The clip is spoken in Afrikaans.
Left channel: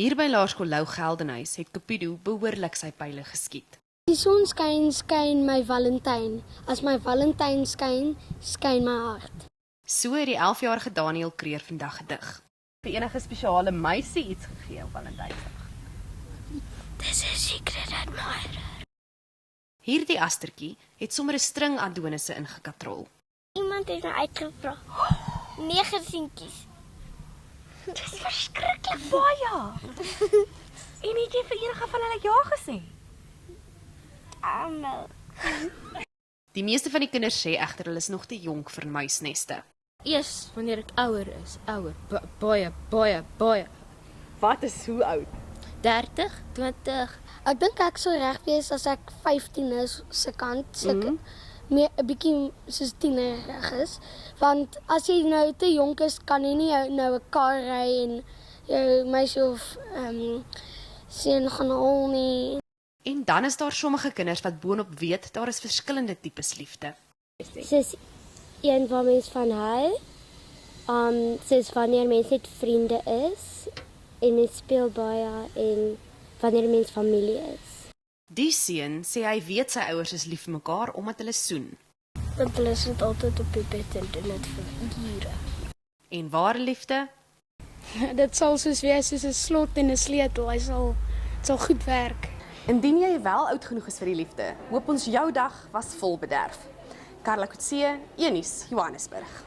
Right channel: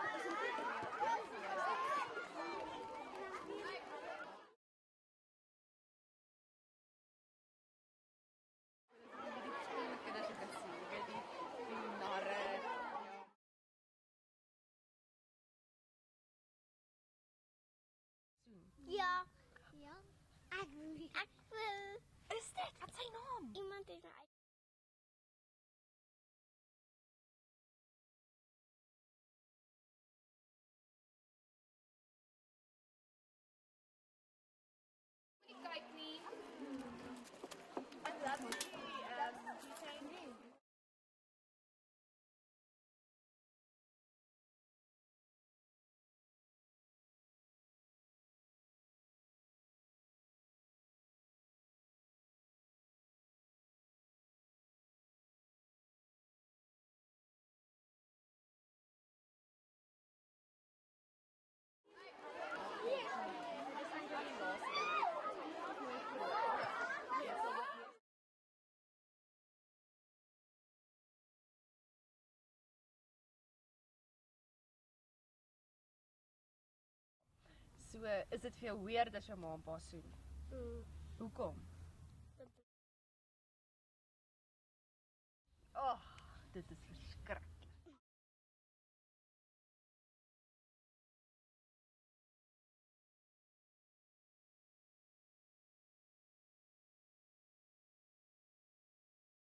Hier by Laerskool Lou Geldenhuis het Cupido behoorlik sy pile geskiet. Die son skyn, skyn my Valentyn. As my Valentyn skyn, skyn my hart. So het die 11-jarige Daniel Kreer vandag gedig. Vir enige spesiale meisie iets gegee op Valentynsdag? Dis 'n secret admirer. Ja. Hierdie astertjie het sommer 'n string Adonisse ingekatrol. Iemand het my uitgevra. 9 seentjies. Dis verskriklik baie. En het jy vir enige van hulle ja gesê? Almal. Die meeste van die kinders sê egter hulle is nog te jonk vir muisneste. Eers wanneer ek ouer is, baie. Wat is hoe oud? 30, 20. Ek dink ek sou reg wees as ek 15 is se kant, seker meer 'n bietjie soos tienerig is, want as jy nou te jonk is, kan jy nie nou 'n kar ry en jou meisie of seun gaan haal nie. En dan is daar sommige kinders wat boonop weet daar is verskillende tipes liefde. Soos een waar mens van hou, soos wanneer mens net vriende is, en mens speel baie, en wanneer mens familie is. Die seun sê hy weet sy ouers is lief vir mekaar omdat hulle soen. Want hulle sit altyd op die bed en doen dit vir ure. En ware liefde, Dit sal soos wees soos 'n slot en 'n sleutel. Dit sal goed werk. Indien jy wel oud genoeg is vir die liefde, hoop ons jou dag was vol bederf. Karla Kutse, Een Nuus, Johannesburg.